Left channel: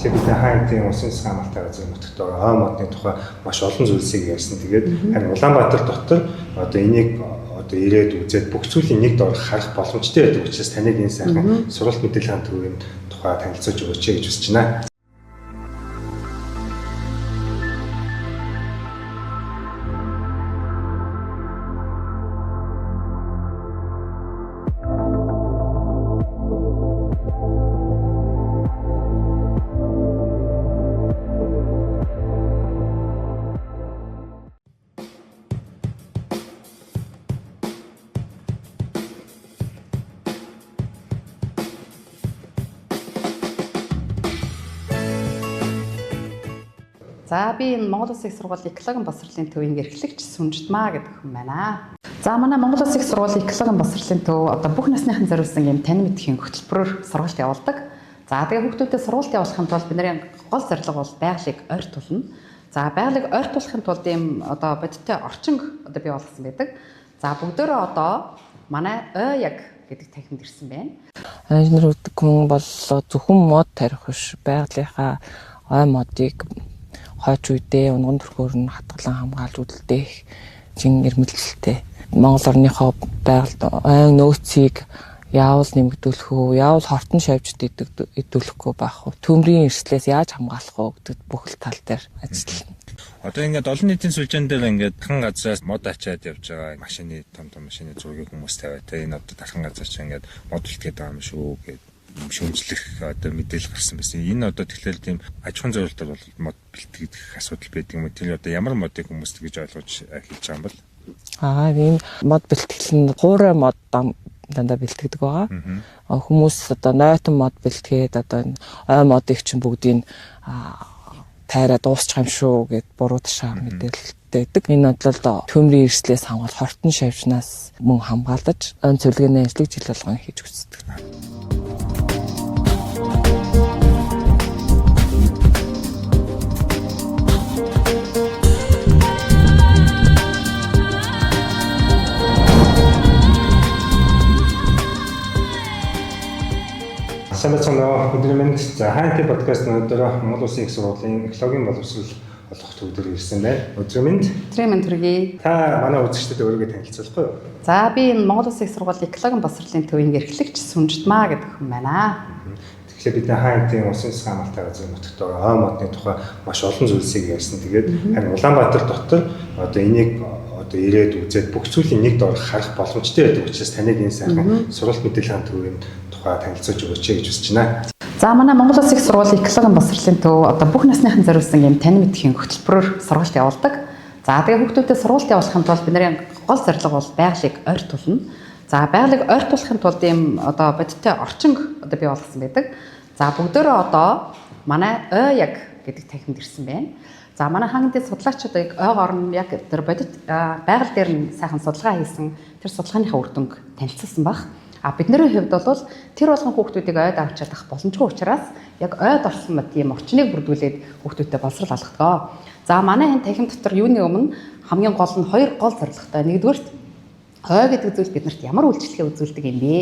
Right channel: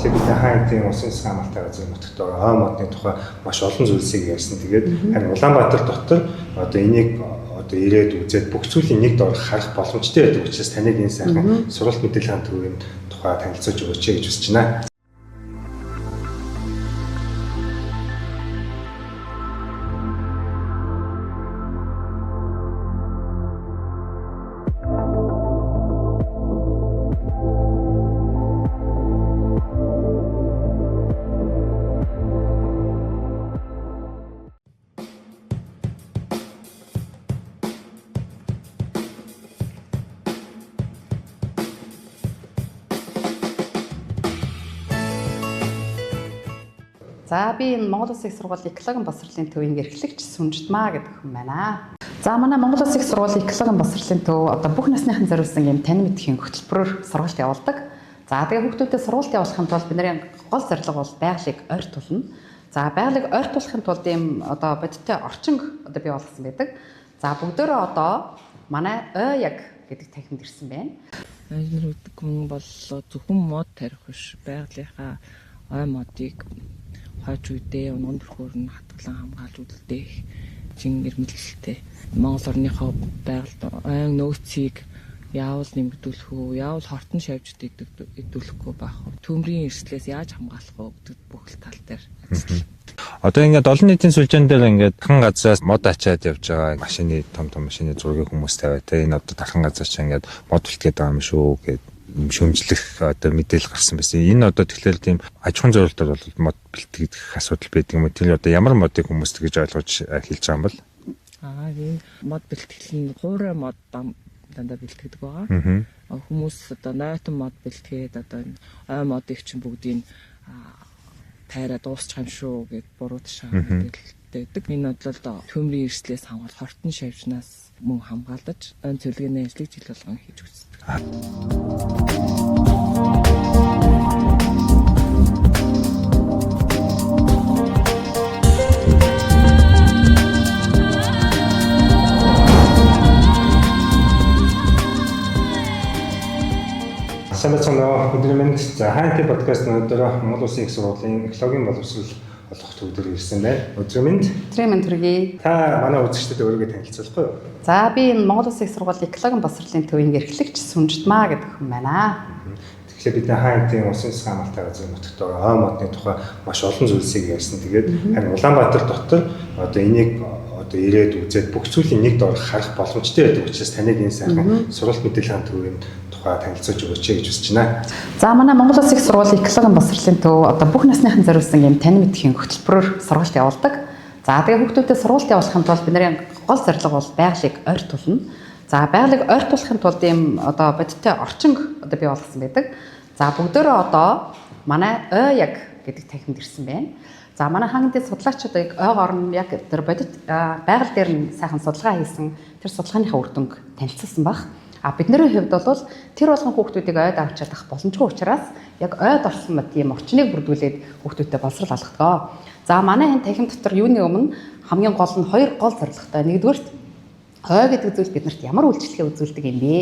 Тэгэхээр бид хаантын усын хамгаалалтын газрын нутагт ой модны тухай маш олон зүйлсийг ярьсан. Тэгээд харин Улаанбаатар дотор одоо энийг одоо ирээд үзээд бүх зүйлийг нэг дор харах боломжтой байдаг учраас таныг энэ сайхан сургалт мэдээллийн төвийн тухай танилцуулж өгөөч гэж хүсэж байна. За би энэ Монгол Улсын их сургуулийн экологийн боловсролын төвийн эрхлэгч Сүнжтмаа гэдэг хүн байна. За манай Монгол Улсын их сургуулийн экологийн боловсролын төв одоо бүх насныхан зориулсан юм тань мэдхийн хөтөлбөрөөр сургалт явуулдаг. За тэгээ хүүхдүүдэд сургалт явуулахын тулд бидний гол зорилго бол байгалыг ойртуулна. За байгалыг ойртуулахын тулд ийм одоо бодиттой орчин одоо бий болгосон байдаг. За бүгдөө одоо манай яг гэдэг танхимд ирсэн байна. Инженер гэдэг хүн бол зөвхөн мод тарих биш, байгалийнхаа ой модыг хойч үедээ унган төрхөөр нь хатгалан хамгаалж үлдээх чин эрмэлзэлтэй. Монгол орныхоо байгальд айн нөөцийг яавал нэмэгдүүлэх үү, яавал хортон шавьжд идэвхлэхгүй байх уу, төмрийн эрслээс яаж хамгаалах уу гэдэг бүх тал дээр ажиллана. Одоо ингээд олон нийтийн сүлжээн дээр ингээд тархан газраас мод ачаад явж байгаа машины том машины зургийг хүмүүс тавиа. Тэгээ энэ одоо тархан газраас ч ингээд мод үлдгээд байгаа юм шүү гэдэг шүүмжлэх одоо мэдээлэл гарсан байсан. Энэ одоо тэгэхээр тийм аж ахуйн зорилтоор бол мод бэлтгэх асуудал байдаг юм. Тэр одоо ямар модыг хүмүүс тэгж ойлгож хэлж байгаа юм бол? Энэ мод бэлтгэл нь хуурай мод дандаа бэлтгэдэг байгаа. Хүмүүс одоо нойтон мод бэлтгээд одоо ой модыг чинь бүгдийг тайраа дуусчих юм шүү гэд буруу ташаа мэдээлэлтэй байдаг. Энэ бодлоо төмрийн эрслээс хамгаалж хортон шавьчнаас мөн хамгаалж өн цэвэрлэгээний ажлыг жил болгон хийж үздэг. Сайн байна уу? Өдөр минь за хаантын подкаст өнөөдөр Монгол Улсын их сургуулийн экологийн боловсрол олох төвдөр ирсэн байна. Өдөр минь төргий. Та манай үзэгчдэд өөрийгөө танилцуулахгүй юу? За би энэ Монгол Улсын их сургуулийн экологийн боловсролын төвийн эрхлэгч Сүнжтмаа гэдэг хүн байна. Тэгэхээр бид хаантын усын хамгаалалтын газрын нутагт ой модны тухай маш олон зүйлсийг ярьсан. Тэгээд харин Улаанбаатар дотор одоо энийг одоо ирээд үзээд бүх зүйлийг нэг дор харах боломжтой байдаг учраас таныг энэ сайхан сургалт мэдээллийн төвийн танилцуулж өгөөч гэж хүсэж байна. За манай Монгол Улсын их сургуулийн экологийн боловсролын төв одоо бүх насныхан зориулсан юм тань мэдхийн хөтөлбөрөөр сургалт явуулдаг. За тэгээ хүүхдүүдэд сургалт явуулахын тулд бидний гол зорилго бол байгалыг ойртуулна. За байгалыг ойртуулахын тулд ийм одоо бодиттой орчин одоо бий болгосон байдаг. За бүгдөө одоо манай яг гэдэг танхимд ирсэн байна. За манай хаангийн судлаачид ойгоор нь яг тэр бодит байгаль дээр нь сайхан судалгаа хийсэн тэр судалгааныхаа үр дүнг танилцуулсан баг. Бидний хувьд бол тэр болгон хүүхдүүдийг ойд авч чадах боломжгүй учраас яг ойд орсон тийм орчныг бүрдүүлээд хүүхдүүдтэй боловсрол алгадаг. За манай энэ танхим дотор юуны өмнө хамгийн гол нь хоёр гол зорилготой. Нэгдүгээрт ой гэдэг зүйл биднэрт ямар үйлчлэгээ үзүүлдэг юм бэ?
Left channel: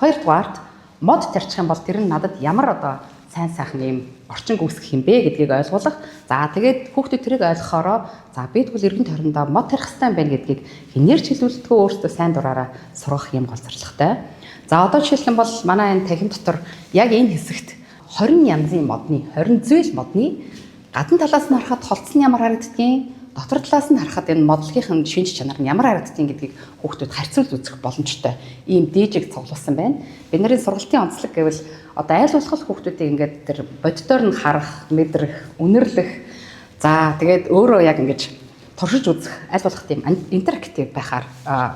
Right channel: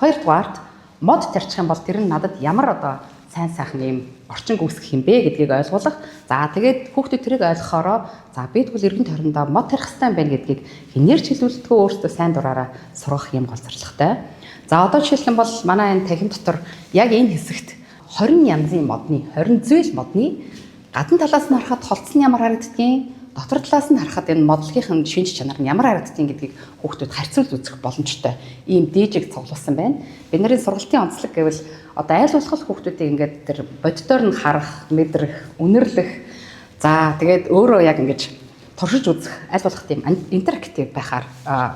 Хоёрдугаарт мод тарчих юм бол тэр нь надад ямар одоо сайн сайхан юм орчин үүсгэх юм бэ гэдгийг ойлгуулах. За тэгээд хүүхдүүд тэрийг ойлгохоороо за би тэгвэл эргэн тойрондоо мод тарих хэрэгтэй юм байна гэдгийг хинээрч хэлүүлдэггүй өөртөө сайн дураараа сургах юм гол зорилготой. За одоо жишээлх юм бол манай энэ танхим дотор яг энэ хэсэгт 20 янзын модны 20 зүйл модны гадна талаас нь харахад холцсон ямар харагддгийг, дотор талаас нь харахад энэ модлогын шинж чанар нь ямар харагддгийг гэдгийг хүүхдүүд харьцуулж үзэх боломжтой. Ийм дижиг цуглуулсан байна. Бидний сургалтын онцлог гэвэл одоо айл болох хүүхдүүдийг ингээд тэр бодитоор нь харах, мэдрэх, үнэрлэх. За тэгээд өөрөө яг ингэж туршиж үзэх айл болох тийм интерактив байхаар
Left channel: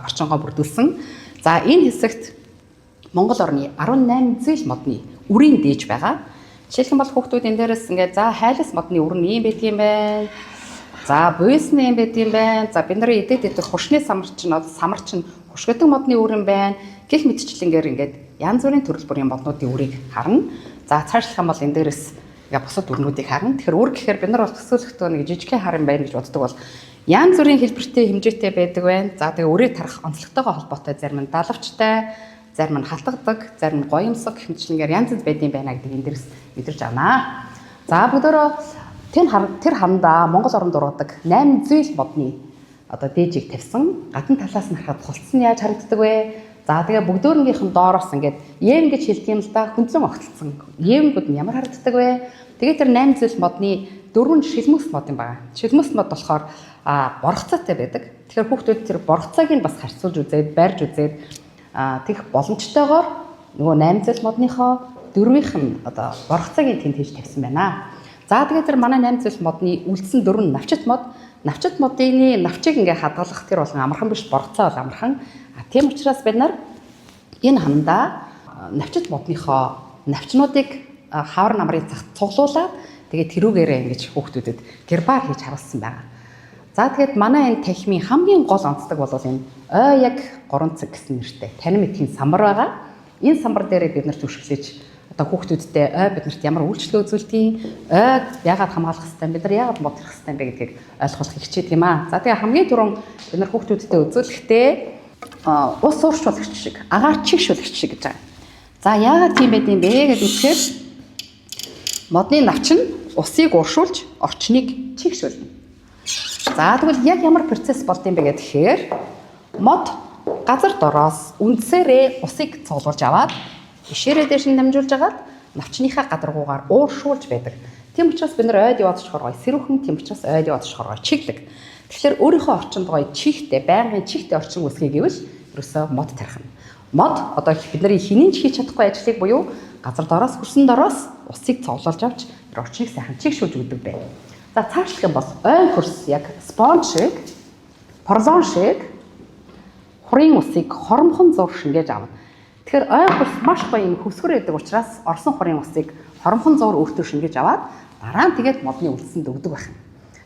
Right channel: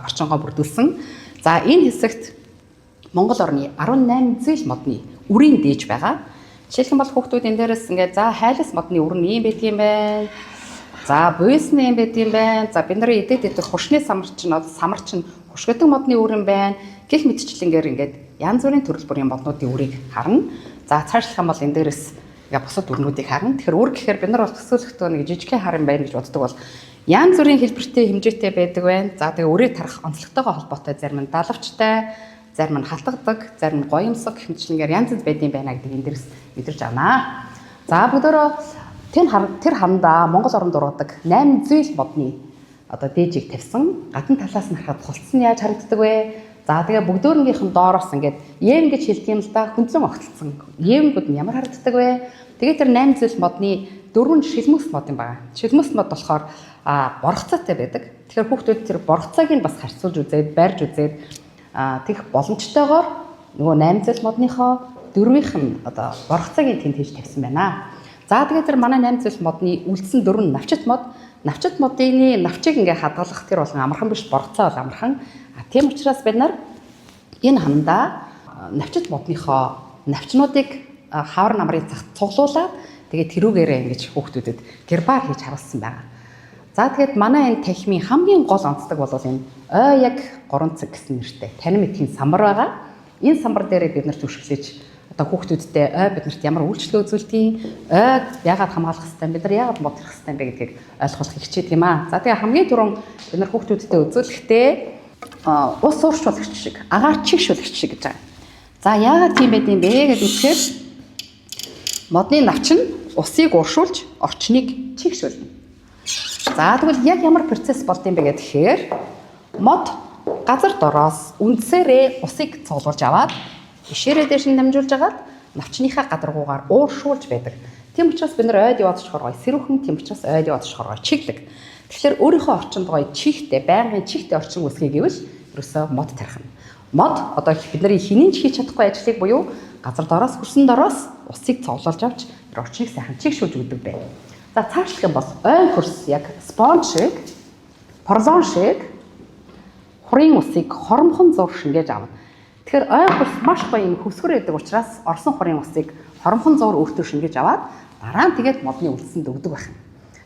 орчингоо бүрдүүлсэн. За энэ хэсэгт Монгол орны 18 зүйл модны үрийн дээж байгаа. Жишээлх юм бол хүүхдүүд энэ дээрээс ингээд за хайлас модны үр нь юм байдгийм байна. За буйсны юм байдгийм байна. За бид нарын идэд идэх хушны самарчин хушгидэг модны үр юм байна. Гэх мэтчлэнгээр ингээд янз бүрийн төрөл бүрийн моднуудын үрийг харна. За цаашлах юм бол энэ дээрээс ингээд бусад үрнүүдийг харна. Тэгэхээр үр гэхээр бид нар бол төсөөлөхдөө нэг жижигхэн харан байна гэж боддог бол янз бүрийн хэлбэртэй хэмжээтэй байдаг байна. За тэгээ үрийг тарах онцлогтойгоо холбоотой зарим нь далавчтай, зарим нь халтгадаг, зарим нь гоёмсог хэмжлэнгээр янз янз байдсан байна гэдэг энэ дээрс мэдэрч авнаа. За бүгдөө тэр хандаа Монгол орнд дургадаг 8 зүйл модны одоо дээжийг тавьсан. Гадна талаас нь харахад хулцсан яаж харагддаг вэ? За тэгээ бүгдөөрнгийнх нь доороос ингээд Ем гэж хэлдэг юм л да, хүнзэн огтлцсон. Емгүүд нь ямар харагддаг вэ? Тэгээ тэр 8 зүйл модны 4 шилмөс мод юм байна. Шилмөс мод болохоор боргоцоотой байдаг. Тэгэхээр хүүхдүүд тэр боргоцоог нь бас харьцуулж үзээд, барьж үзээд тэгэх боломжтойгоор нөгөө 8 зүйл модныхоо 4-ийнх нь одоо боргоцоог нь тэнд хийж тавьсан байна. За тэгээ тэр манай 8 зүйл модны үлдсэн 4 навчит мод. Навчит модын навчийг ингээ хадгалах тэр болгон амархан биш, боргоцоо бол амархан. Тийм учраас бид нар энэ хандаа навчит модныхоо навчнуудыг хавар намрын цагт цуглуулад тэгээд тэрүүгээрээ ингэж хүүхдүүдэд гербар хийж харуулсан байна. За тэгээд манай энэ танхимын хамгийн гол онцлог бол энэ ой яг 3 цаг гэсэн нэртэй танин мэдхийн самбар байгаа. Энэ самбар дээрээ бид нар зүшгэлж одоо хүүхдүүдтэй ой биднэрт ямар үйлчлэл үзүүлдэг, ой яагаад хамгаалах хэрэгтэй, бид нар яагаад мод хийх хэрэгтэй бэ гэдгийг ойлгуулах хичээдэг юм аа. За тэгээ хамгийн түрүүн бид нар хүүхдүүдтэй үзүүлэхдээ ус ууршуулагч шиг, агаар чигшүүлэгч шиг гэж байгаа. За яагаад тийм байд юм бэ гэж үзэхээр модны навч нь усыг ууршуулж орчныг чигшүүлнэ. За тэгвэл яг ямар процесс болд юм бэ гэхээр мод газар дороос үндсээрээ усыг цуглуулж аваад ишээрээ дээш нь дамжуулж агаад навчныхаа гадаргуугаар ууршуулж байдаг. Тийм учраас бид нар ойд яваад очихоор гоё сэрүүхэн, тийм учраас ойд яваад очихоор гоё чиглэг. Тэгэхээр өөрийнхөө орчинд гоё чихтэй, байнгын чихтэй орчин үүсгэе гэвэл ерөөсөө мод тарих нь. Мод одоо бид нарын хинэн ч хийж чадахгүй ажлыг буюу газар дороос хөрсөн дороос усыг цуглуулж авч тэр орчныг сайхан чигшүүлж өгдөг байна. За цаашлах юм бол ойн хөрс яг спонж шиг, поролон шиг хурын усыг хормхон зур шингээж авна. Тэгэхээр ойн хөрс маш гоё юм хөвсгөр байдаг учраас орсон хурын усыг хормхон зур өөртөө шингээж аваад дараа нь тэгээд модны үлдсэнд өгдөг байх.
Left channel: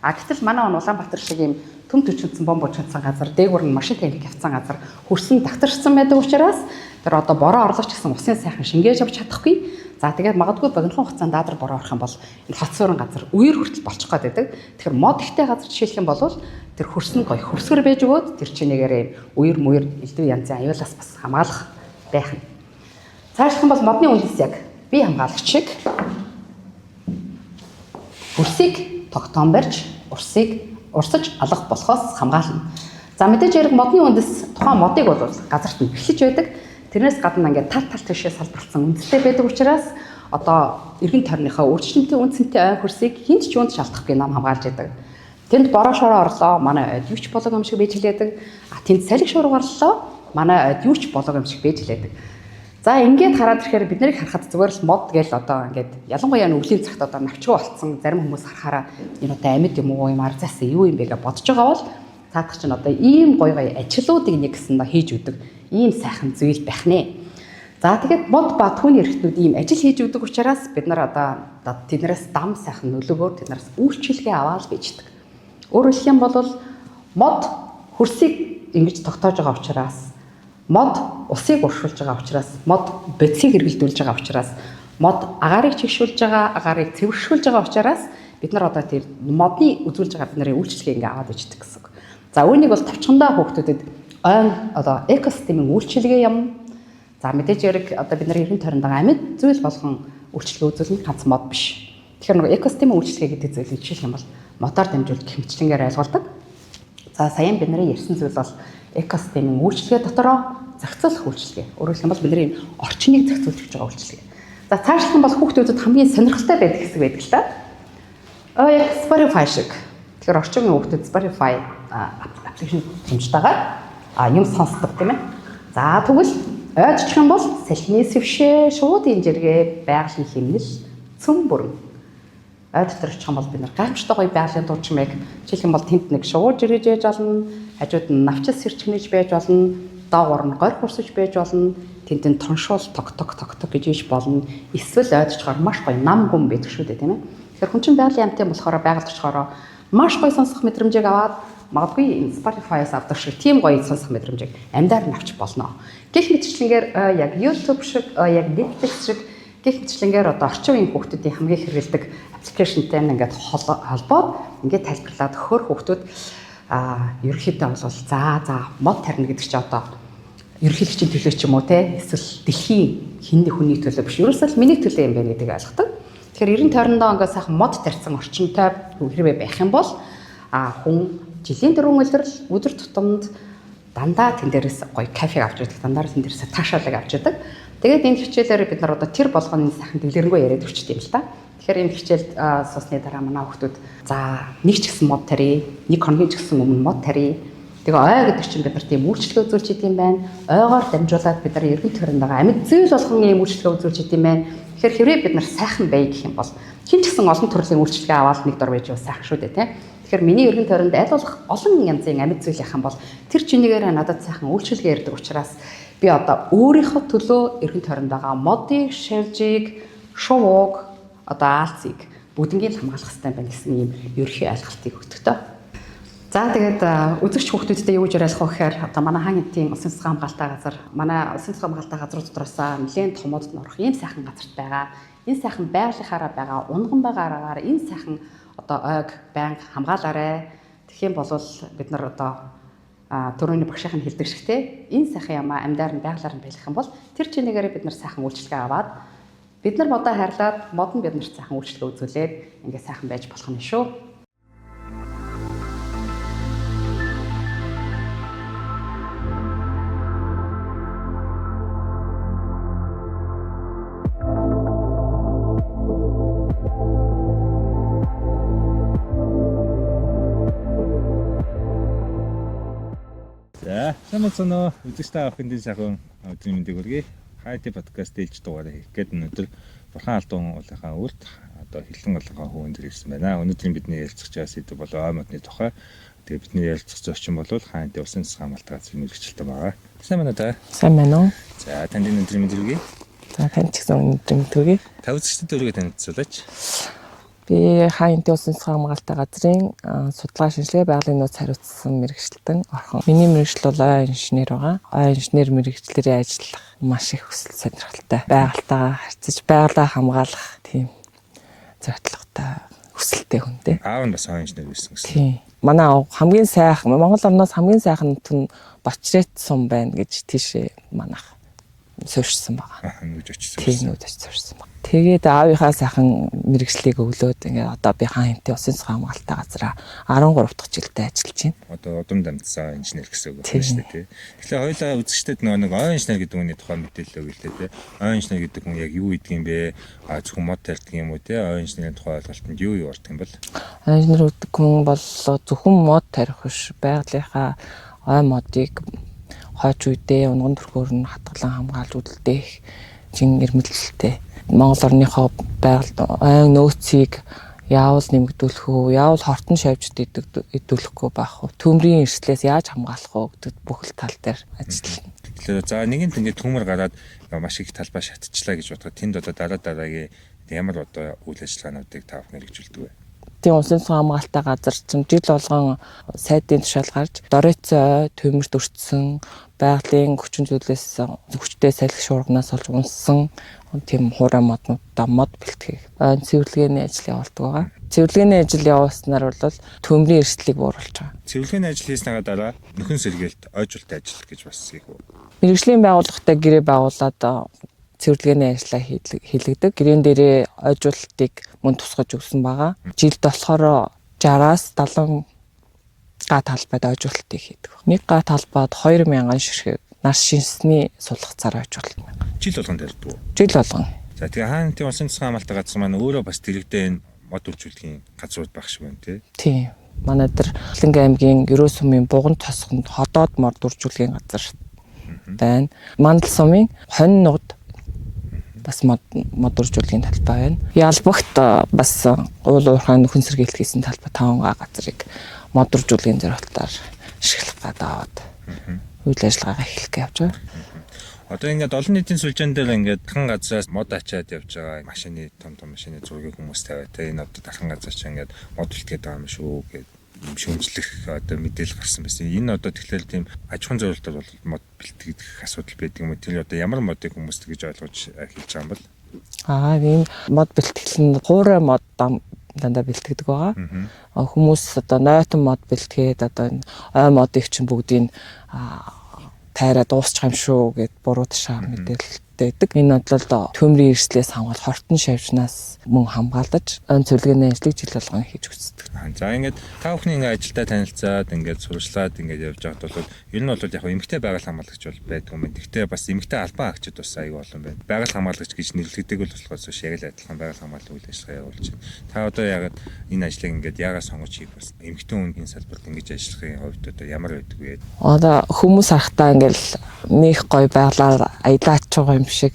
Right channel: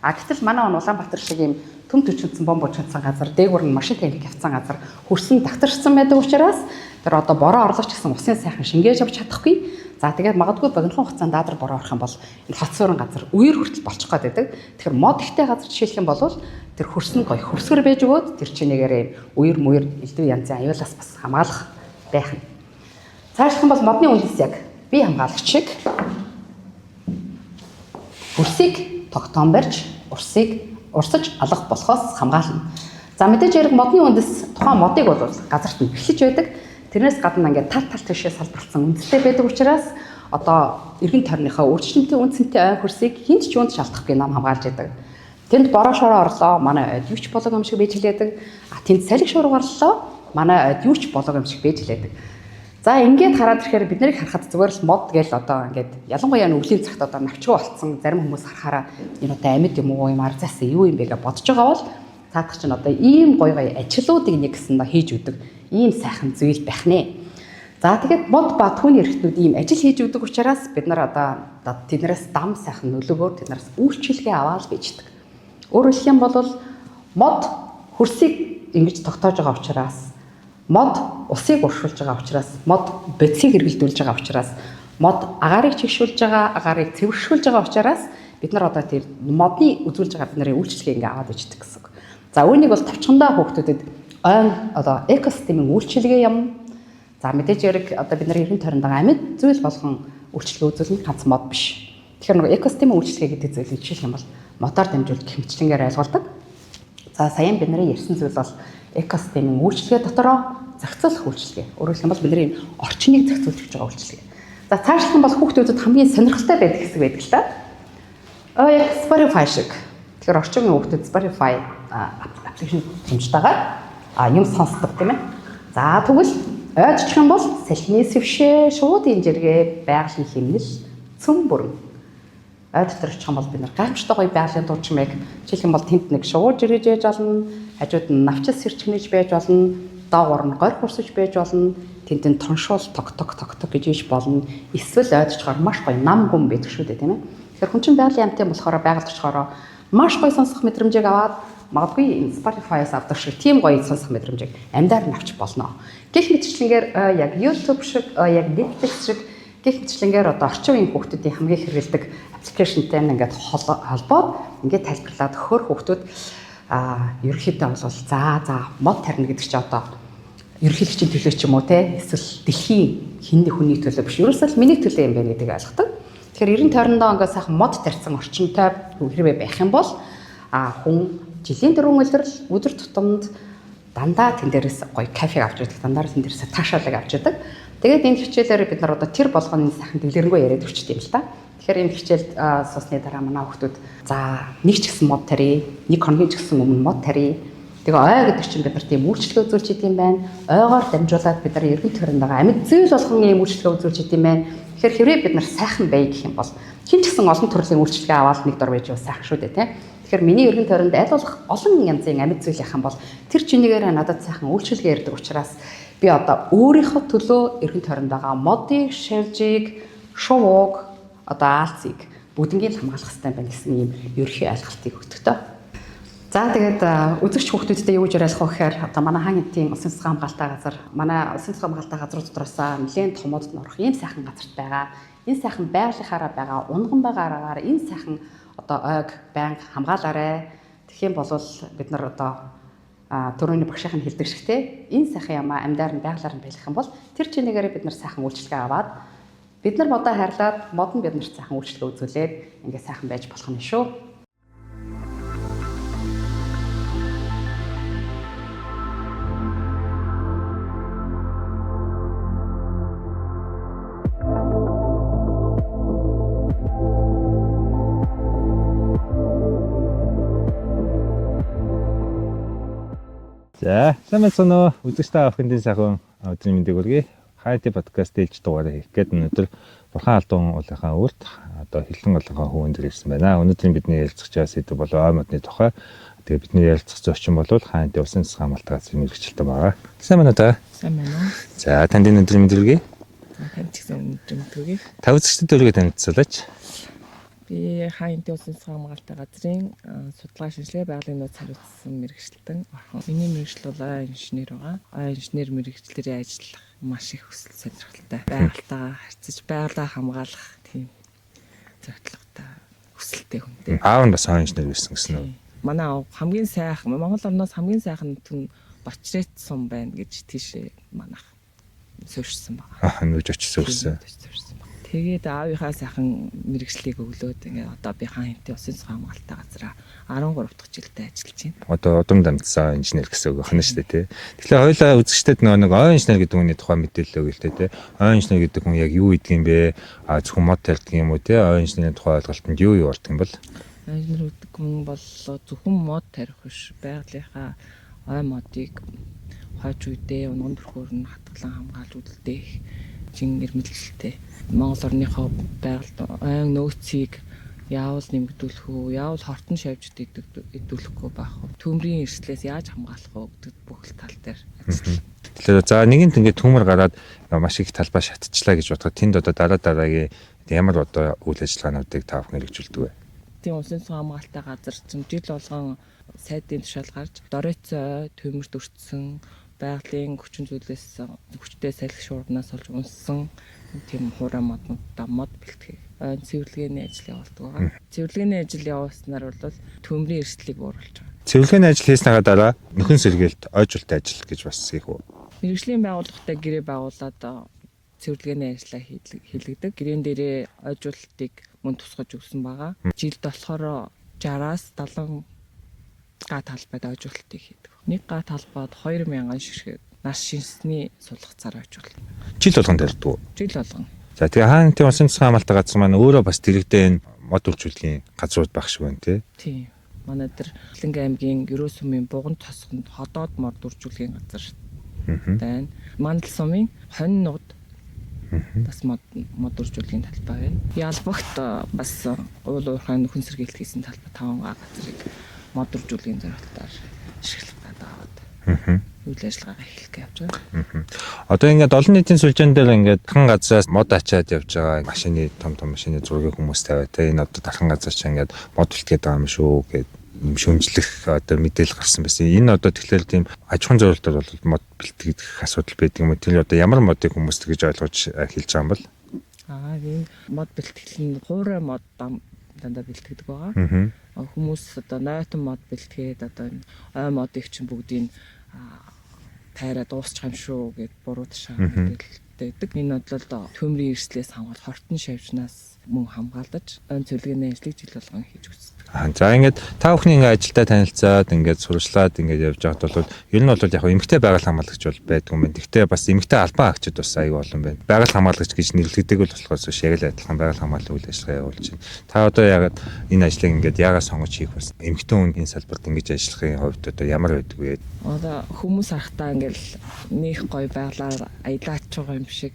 Гэтэл манай Улаанбаатар шиг юм төм төчөнцөн бомб учирсан газар, дээгүүр нь машин танк явцсан газар хөрсөн давтарчсан байдаг учраас тэр одоо бороо орлогч гэсэн усын сайхан шингээж авч чадахгүй. За тэгээд магадгүй богинохон хугацаанд дадар бороо орох юм бол энэ хот суурин газар үер хүртэл болчих гээд байдаг. Тэгэхээр мод ихтэй газар жишээлх юм бол тэр хөрсөн гоё хөрсгөр байж өгөөд тэр чинээгээр үер мүер элдв янзын аюулаас бас хамгаалах байх нь. Цаашдах юм бол модны үндэс яг бие хамгаалагч шиг хөрсийг тогтоон барьж урсаж алгах болохоос хамгаална. За мэдээж хэрэг модны үндэс тухайн модыг бол газарт нь бэхлэж байдаг. Тэрнээс гадна ингээд тал тишээ салбарлсан үндэстэй байдаг учраас одоо эргэн тойрныхаа өөрчлөлтийн үнцэнтэй ой хөрсийг хинт ч юунд шалтгаахгүй нам хамгаалж байдаг. Тэнд бороо шороо орлоо, манай ойд юу ч болог юм шиг байж хэлээдэг. Тэнд салхи шуурга орлоо, манай ойд юу ч болог юм шиг байж хэлээдэг. За ингээд хараад ирэхээр бид нарыг харахад зүгээр л мод гээл одоо ингээд ялангуяа өвлийн цагт одоо навчгүй болцсон зарим хүмүүс харахаараа энэ одоо амьд юм уу юм арзаас юу юм бэ гэж бодож байгаа бол цаадах чинь одоо ийм гоё ажлуудыг нэг гэсэндээ хийж өгдөг ийм сайхан зүйл байх нэ. За тэгээд мод ба түүний эрхтнүүд ийм ажил хийж өгдөг учраас бид нар одоо тэднээс дам сайхан нөлөөгөөр тэднээс үйлчлэгээ аваад bijдэг. Өөрөөр хэлэх юм бол мод хөрсийг ингэж тогтоож байгаа учраас мод усыг уршуулж байгаа учраас мод бодисыг эргэлдүүлж байгаа учраас мод агаарыг чигшүүлж байгаа, агаарыг цэвэршүүлж байгаа учраас бид нар одоо тэр модны үзүүлж байгаа бид нарын үйлчлэгээ ингээ аваад иждэг гэсэн үг. За үүнийг бол тавчхандаа хүүхдүүдэд ойн одоо экосистемийн үйлчлэгээ юм. За мэдээж хэрэг одоо бид нарын эргэн тойронд байгаа амьд зүйл болгон үйлчлэгээ үзүүлнэ ганц мод биш. Тэгэхээр нэг экосистемийн үйлчлэгээ гэдэг зүйлийг жишээлх юм бол модоор дамжуулж гэх мэтчлэнгээр ойлгуулдаг. За саяхан бид нарын ярьсан зүйл бол экосистемийн үйлчлэгээ дотороо зохицуулах үйлчлэгээ. Өөрөөр хэлбэл бидний орчныг зохицуулж өгч байгаа үйлчлэгээ. За цаашлах юм бол хүүхдүүдэд хамгийн сонирхолтой байдаг хэсэг байдаг л та. Яг Spotify шиг. Тэгэхээр орчмын хүүхдүүд Spotify аппликейшн хэмжтэйгээр юм сонсдог тийм ээ. За тэгвэл ойдчих юм бол салхины сэвшээ, шуудын жиргээ, байгалийн хэмнэл, цөм бүрэн. Ой дотор очих юм бол бид нар гайхамшигтай гоё байгалийн дуучмыг жишээлх юм бол тэнд нэг шууд жиргэж яж болно, хажууд нь навчил сэрчгнэж байж болно, доогуур нь горь хурсаж байж болно, тэнд тоншуул ток гэж иж болно. Эсвэл ойдчихоор маш гоё нам гүн байдаг шүү дээ тийм ээ. Тэгэхээр хүн чинь байгалийн амттай болохоор байгаль очихоор маш гоё сонсох мэдрэмжийг аваад магадгүй Spotify-аас авдаг шиг тийм гоё сонсох мэдрэмжийг амьдаар нь авч болно. Гэх мэтчлэнгээр яг YouTube шиг, яг Netflix шиг гэх мэтчлэнгээр одоо орчин үеийн хүүхдүүдийн хамгийн хэрэгэлдэг аппликейшнтэй ингээд холбоод ингээд тайлбарлаад хөр хүүхдүүд ерөнхийдөө бол за мод тарина гэдэг чинь одоо ерөнхийлөгчийн төлөө ч юм уу те эсвэл дэлхийн хинний хүний төлөө биш ерөөсөө миний төлөө юм байна гэдгийг ойлгодог. Тэгэхээр 90 тойрондоо ингээд сайхан мод тарьсан орчинтой хэрвээ байх юм бол хүн жилийн 4 улирал өдөр тутамд дандаа тэн дээрээс гоё кофег авч идэг, дандаа тэн дээрээс таашаалыг авч идэг. Тэгээд энэ хичээлээр бид нар одоо тэр болгоны сайхан дэлгэрэнгүй яриад өчтдөг юм л та. Тэгэхээр энэ хичээлд суусны дараа манай хүүхдүүд за нэг ч гэсэн мод тарья, нэг хоногийн ч гэсэн өмнө мод тарья. Тэгээ ой гэдэг чинь бид нар тийм үйлчлэг үзүүлж идэм байна. Ойгоор дамжуулаад бид нар эргэн тойрондоо амьд зүйл болгон ийм үйлчлэг үзүүлж идэм байна. Тэгэхээр хэрвээ бид нар сайхан бай гэх юм бол хин ч гэсэн олон төрлийн үйлчлэгээ аваад нэг дор байж сайхан шүү дээ, тийм. Тэгэхээр миний эргэн тойронд аль болох олон янзын амьд зүйл яхан бол тэр чинийгээр надад сайхан үйлчлэгээ ярьдаг учраас би одоо өөрийнхөө төлөө эргэн тойронд байгаа модыг, шавжийг, шувууг, одоо аалцыг бүгднийг хамгаалах хэрэгтэй байна гэсэн ийм ерөнхий ойлголтыг өгдөг тоо. За тэгээд үзэгч хүүхдүүдтэй юу гэж яриалах вэ гэхээр одоо манай хаан эдийн усан цэцэн хамгаалалтаа газар, манай усан цэцэн хамгаалалтаа газрууд дотроос нэлээд томодд норох ийм сайхан газарт байгаа. Энэ сайхан байгалийнхаараа байгаа, унган байгаа аргаар энэ сайхан одоо ойг байнга хамгаалаарай. Тэгэх юм бол бид нар одоо төрөний багшийн хэлдэг шигтэй энэ сайхан ямаа амьдаар нь байгалаар нь байлгах юм бол тэр чинээгээр бид нар сайхан үйлчлэгээ аваад бид нар модоо хайрлаад мод нь бид нарт сайхан үйлчлэгээ үзүүлээд ингээ сайхан байж болох нь шүү. За, сайн байна уу? Үзэгчтэй авахын сайхан өдрийн мэндийг хүргэе. Хайти подкаст ээлж дугаараа хийх гээд өнөөдөр Бурхан Алдуун уулынхаа үрд одоо Хилэн уулынхаа хөвөн дээр ирсэн байна. Өнөөдрийн бидний ярилцах сэдв бол ой модны тухай. Тэгээ бидний ярилцах зочин бол Хайти усан цэцэн хамгаалалт газрын мэргэжилтэн байгаа. Сайн байна уу та? Сайн байна уу? За, танд энэ өдрийн мэнд хүргэе. За, танд ч гэсэн өдрийн мэнд хүргэе. Та үзэгчдэд өргөд танилцуулаач. Би Хайти усан цэцэн хамгаалалт газрын судалгаа шинжилгээ байгалийн нууц хариуцсан мэргэжилтэн орхон. Миний мэргэжил бол ой инженер байгаа. Ой инженер мэргэжлэрээ ажиллах маш их хүсэл сонирхолтой. Байгальтайгаа харьцаж, байгалаа хамгаалах тийм зорилготой хүсэлтэй хүнтэй. Аав нь бас ой инженер гэсэн гэсэн. Тийм. Манай аав хамгийн сайхан, Монгол орноос хамгийн сайхан түн Бочрет сум байна гэж тийшээ манайх суурьсан байгаа. Нүүж очиж суурьсан. Тэгээд аавынхаа сайхан мэргэжлийг өглөөд ингээд одоо би Хайти усан цэцэн хамгаалалтаа газараа 13 дахь жилдээ ажиллаж байна. Одоо удам дамжсан инженер гэсэн үг байна шүү дээ, тий. Тэгэхээр хоёулаа үзэгчдэд нэг ой инженер гэдэг хүний тухай мэдээлэл өгье л дээ, тий. Ой инженер гэдэг хүн яг юу гэдэг юм бэ? Зөвхөн мод тарьдаг юм уу, тий? Ой инженерийн тухай ойлголтод юу ордог юм бол? Ой инженер гэдэг хүн бол зөвхөн мод тарих биш, байгалийнхаа ой модыг хойч үедээ унган төрхөөр нь хатгалан хамгаалж үлдээх чин эрмэлзэлтэй. Монгол орныхоо байгальд ой нөөцийг яавал нэмэгдүүлэх үү, яавал хортон шавьжд идүүлэхгүй байх уу, төмрийн эрсдлээс яаж хамгаалах уу гэдэг бүх л тал дээр ажиллана. Тэгэхээр за нэгэнт ингээд төмөр гараад маш их талбай шатчихлаа гэж бодоход тэнд одоо дараагийн ямар одоо үйл ажиллагаануудыг та бүхэн хэрэгжүүлдэг вэ? Тийм усан цэцэн хамгаалалтаа газар чинь жил болгон сайдын тушаал гарч доройцоо төмөрт өртсөн байгалийн хүчин зүйлээс хүчтэй салхи шуурганаас олж унссан тийм хуурай моднуудаа мод бэлтгэх цэвэрлэгээний ажил явуулдаг байгаа. Цэвэрлэгээний ажил явуулснаар бол төмрийн эрсдлийг бууруулж байгаа. Цэвэрлэгээний ажил хийснийхаа дараа нөхөн сэргээлт ойжуулалтын ажил гэж бас хийх үү? Мэргэжлийн байгууллагатай гэрээ байгуулад цэвэрлэгээний ажлаа хийлгдэг. Гэрээн дээрээ ойжуулалтыг мөн тусгаж өгсөн байгаа. Жилд болохоор 60-аас 70 га талбайд ойжуулалтыг хийдэг. Нэг га талбайд 2000 ширхэг нас шинсний сулах цар ойжуулалт. Жил болгон тарьдаг уу? Жил болгон. За тэгээ Хайти усан цэцэн хамгаалалт газар маань өөрөө бас дэрэгдээ энэ мод үйлчилгээний газрууд байх шиг байна тий. Тийм. Манай дээр Хилэнгийн аймгийн Ерөө сумын Буган тосгонд ходоод мод үйлчилгээний газар байна. Мандал сумын Хонь нугад бас мод үйлчилгээний талбай байна. Ялбагт бас уул уурхай нөхөн сэргээлт хийсэн талбай 5 га газрыг мод үйлчилгээний зорилтоор ашиглах гадаад үйл ажиллагаагаа эхлэх гэж явж байгаа. Одоо ингээд олон нийтийн сүлжээн дээр ингээд дахин газраас мод ачаад явж байгаа машины том машины зургийг хүмүүс тавиад тэ энэ одоо дахин газар ч ингээд мод үлдгээд байгаа юм шүү гэд шөмжлөх одоо мэдээлэл гарсан байсан. Энэ одоо тэгэхээр тийм аж ахуйн зорилтоор бол мод бэлтгэх асуудал байдаг юм. Тэр одоо ямар модыг хүмүүс тэгж ойлгож хэлж байгаа юм бол? Энэ мод бэлтгэл нь хуурай мод дандаа бэлтгэдэг байгаа. Хүмүүс одоо нойтон мод бэлтгээд одоо ой модыг чинь бүгдийг тайраа дуусчих юм шүү гэд буруу ташаа мэдээлэлтэй хэрэгтэй байдаг. Энэ бол төмрийн эрслээс хамгаал хортон шавьчнаас мөн хамгаалж өн цэвэрлэгээний ажлыг жил болгон хийж үздэг. За ингээд та бүхний ингээд ажилдаа танилцаад ингээд сурчлаад ингээд явж байгаад бол ер нь бол яг эмэгтэй байгаль хамгаалагч бол байдаг юм байна. Гэхдээ бас эмэгтэй албан агчид бас аяг олон байна. Байгаль хамгаалагч гэж нэрлэгддэг бол болохоос яг л адилхан байгаль хамгааллын үйл ажиллагаа явуулж байна. Та одоо яг энэ ажлыг ингээд яагаад сонгож хийх бас эмэгтэй хүний салбарт ингэж ажиллахын хувьд одоо ямар байдаг вэ? Одоо хүмүүс харахтаа ингээл нэг гоё байгалаар аялаач байгаа юм шиг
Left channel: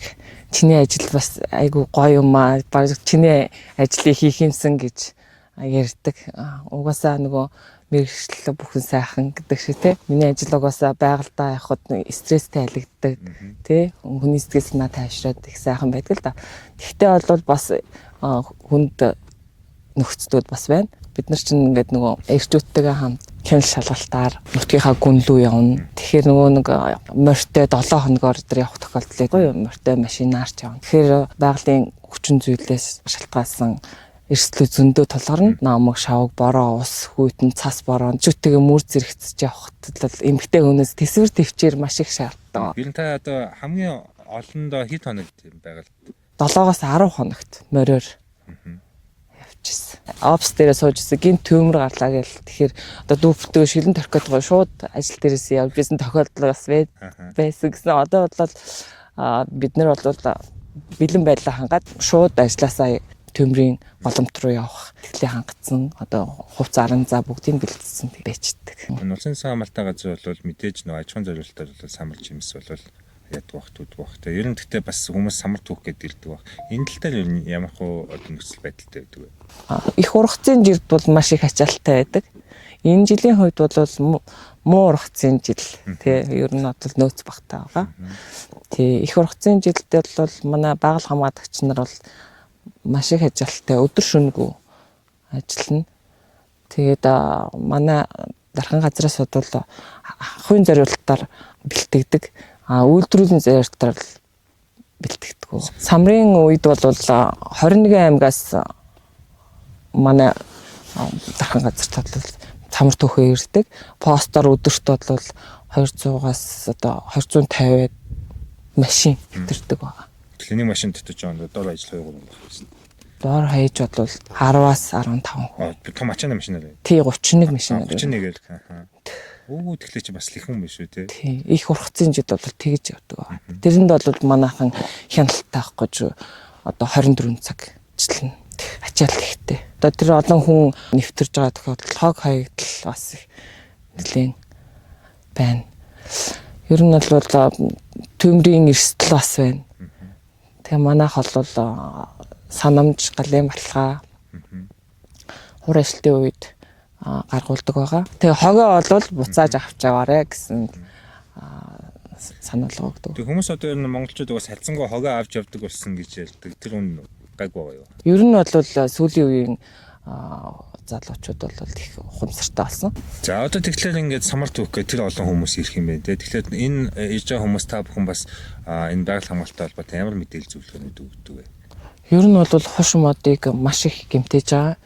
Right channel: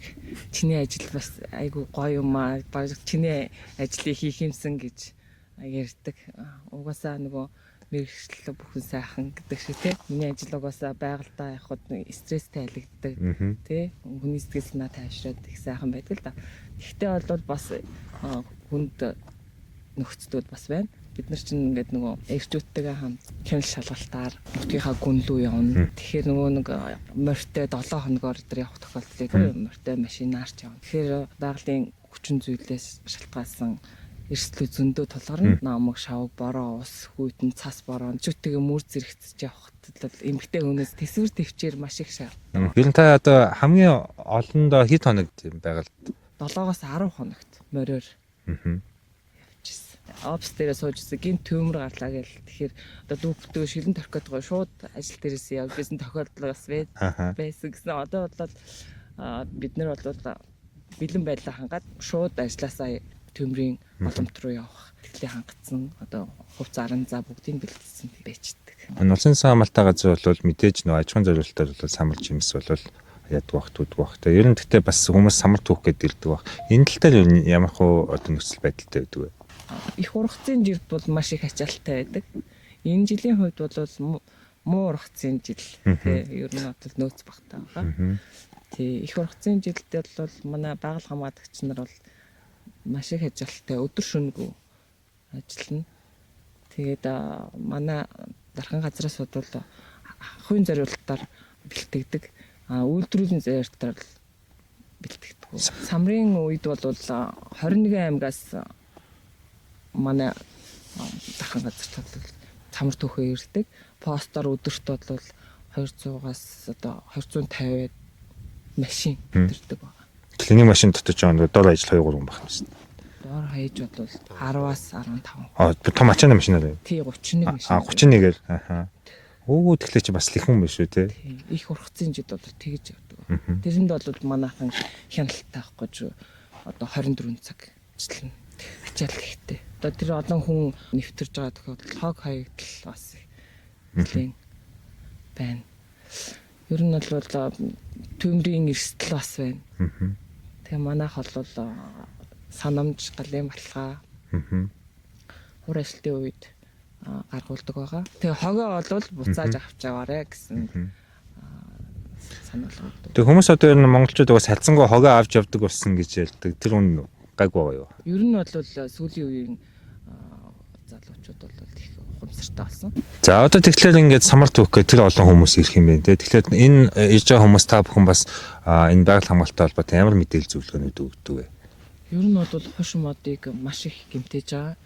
чиний ажил бас айгу гоё юм аа. Баг чиний ажлыг хийх юмсан гэж ярьдаг. Угаасаа нөгөө мэргэжил бүхэн сайхан гэдэг шиг те. Миний ажил угаасаа байгальдаа явхад стресстэй алигддаг. Тэ хүний сэтгэл санаа тайвшраад их сайхан байдаг л да. Тэгтээ бол бас хүнд нөхцлүүд бас байна. Бид нар чинь ингээд нөгөө эрчүүдтэйгээ хамт хяналт шалгалтаар нутгийнхаа гүн лүү явна. Тэгэхээр нөгөө нэг морьтой 7 хоногоор өдөр явах тохиолдол байдаг. Морьтой машинаар ч явна. Тэгэхээр байгалийн хүчин зүйлээс шалтгаалсан эрсдлүүд зөндөө тулгарна. Намаг, шавг, бороо, ус, хүйтэн, цас бороо, зүтгээ мөр зэрэгцэж явахад л эмгтэй хүнээс тэсвэр төвчээр маш их шаарддаг. Ер нь та одоо хамгийн олондоо хэд хоног тийм байгаад 7-оос 10 хоногт мориор явчихсан. Опс дээрээ суужсэн гин төмөр гарлаа гээл. Тэгэхээр одоо дүүптэйг шилэн торхиод гоо шууд ажил дээрээс явж байсан тохиолдол бас байсан гэсэн. Одоо бол бид нар бол бэлэн байдлаа хангаад шууд ажилласаа төмрийн голомт руу явах тэглээ хангацсан. Одоо хувц арын за бүгдийг бэлдсэн байждаг. Энэ улсын хамгаалалтаа газар бол мэдээж нөө аж ахуйн зорилтоор бол самар жимс бол яддаг бах туддаг бах. Ер нь гэхдээ бас хүмүүс самар түүх гэдэг ирдэг бах. Энэ тал дээр ямар хөө одоо нөхцөл байдалтай байдаг вэ? Их ургацын жилд бол маш их ачаалттай байдаг. Энэ жилийн хувьд бол муу ургацын жил тий ер нь бол нөөц багтаа байгаа. Тий их ургацын жилдээ бол манай байгаль хамгаалагч нар бол маш их ачаалттай өдөр шөнөгүй ажиллана. Тэгээд манай дархан газраас бодвол ахуйн зориулалтаар бэлтгэдэг. Үйлдвэрлэлийн зориулалтаар бэлтгэдэг. Самрын үед бол 21 аймгаас манай дархан газар бол самар түүхээ ирдэг. Постоор өдөрт бол 200-аас одоо 250 машин ирдэг байгаа. Клиник машин дотож байгаа дор ажил 2-3 хүн байна шүү дээ. Дор хаяж бол 10-аас 15. Том ачааны машин аа. Тий 31 машин. 31-ээр. Өө тэгэхээр чи бас лихэн биш үү те? Тий. Их ургацын жид бол тэгж явдаг. Тэрэнд бол манайхан хяналт таахгүй ч одоо 24 цаг ажиллана. Ачаал ихтэй. Одоо тэр олон хүн нэвтэрж байгаа тохиолдол хог хаягдал бас их нэлээд байна. Ер нь бол төмрийн эрсдэл бас байна. Тэгээ манайх бол санамж, галын баталгаа хур ажилтны үед гаргуулдаг байгаа. Тэгээ хогоо бол буцааж авч яваарэ гэсэн санаалга өгдөг. Тэгээ хүмүүс одоо ер нь монголчууд угаас салцсангаа хогоо авч явдаг болсон гэж ярьдаг. Тэр үн гайгүй байгаа юу? Ер нь бол сүүлийн үеийн залуучууд бол их ухамсартай болсон. За одоо тэгэхээр ингээд самар түүхгээ тэр олон хүмүүс ирэх юм байна. Тэгэхээр энэ ирж байгаа хүмүүс та бүхэн бас энэ байгаль хамгаалалттай холбоотой ямар мэдээлэл зөвлөгөөнүүд өгдөг вэ? Ер нь бол хуш модыг маш их гэмтэж байгаа.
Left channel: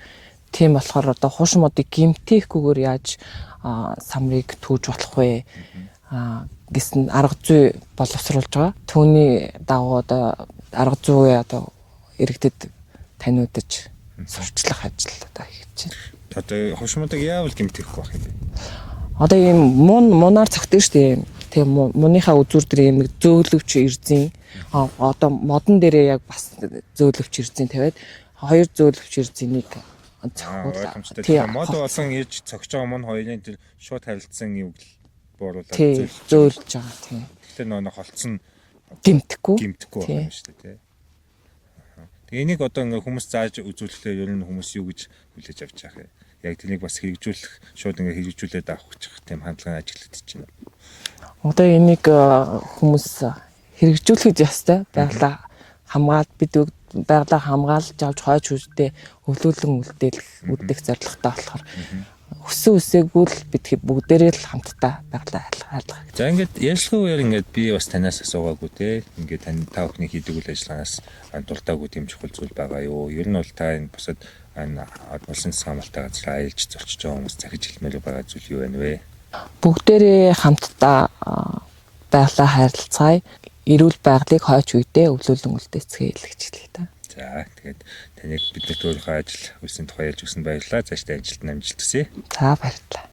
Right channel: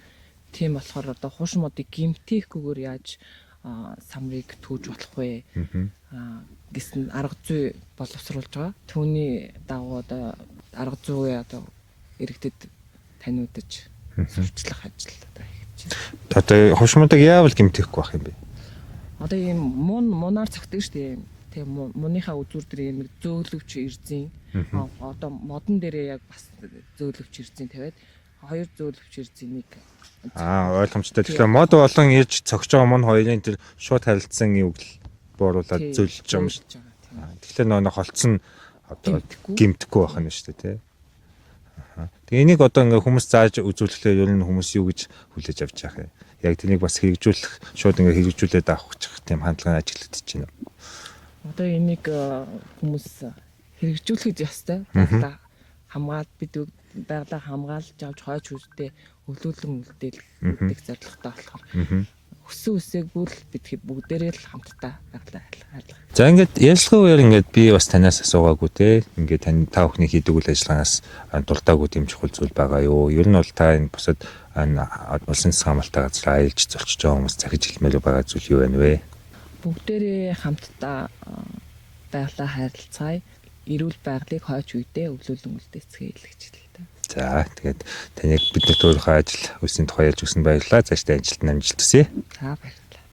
Тийм болохоор одоо хуш модыг гэмтээхгүйгээр яаж самрыг түүж болох вэ? Гэсэн арга зүй боловсруулж байгаа. Түүний дагуу одоо арга зүй одоо иргэдэд таниудаж сурчлах ажил одоо хийж байна. Одоо хуш модыг яавал гэмтээхгүй байх юм бэ? Одоо ийм мунаар цогтөн шүү дээ. Тэгээ муныхаа үзүүр дээр ийм зөөлөвч эрзэн одоо модон дээрээ яг бас зөөлөвч эрзэн тавиад 2 зөөлөвч эрзэнийг ойлгомжтой. Тэгэхээр мод болон ирж цогч байгаа мөн хоёрын тэр шууд харилцсан үг л бууруулаад зөөлж байгаа тийм. Тэгэхээр нөө холцсон гэмтэхгүй байх нь шүү дээ тий. Тэгээ энийг одоо ингээ хүмүүс зааж үзүүлэхлээр ер нь хүмүүс юу гэж хүлээж авч яах юм. Яг тэрнийг бас хэрэгжүүлэх шууд ингээ хэрэгжүүлээд авах тийм хандлага ажиглагдаж байна. Одоо энийг хүмүүс хэрэгжүүлэхэд ястай байгалаа хамгаалт бид байгалаа хамгаалж авч хойч үедээ өвлүүлэн үлдэх зорилготой болохоор өсөн үсээгүй л бид бүгдээрээ л хамтдаа байгалаа айлгах. За ингээд ярьцлагын үеэр ингээд би бас танаас асуугаагүй те. Ингээд тань та бүхний хийдэг үйл ажиллагаанаас дуртаагүй тийм чухал зүйл байгаа юу? Ер нь бол та энэ бусад улсын хамгаалалтаа газар аялж золчиж байгаа хүмүүс захиж хэлмээр байгаа зүйл юу вэ? Бүгдээрээ хамтдаа байгалаа харилцгаая. эрүүл байгалыг хойч үедээ өвлүүлэн үлдээцгээе гэж хэлээ та. За тэгээд таныг бид өөрийнхөө ажил үйлсийн тухай ярьж өгсөн баярлалаа. Цаашдаа амжилт хүсье. За баярлалаа.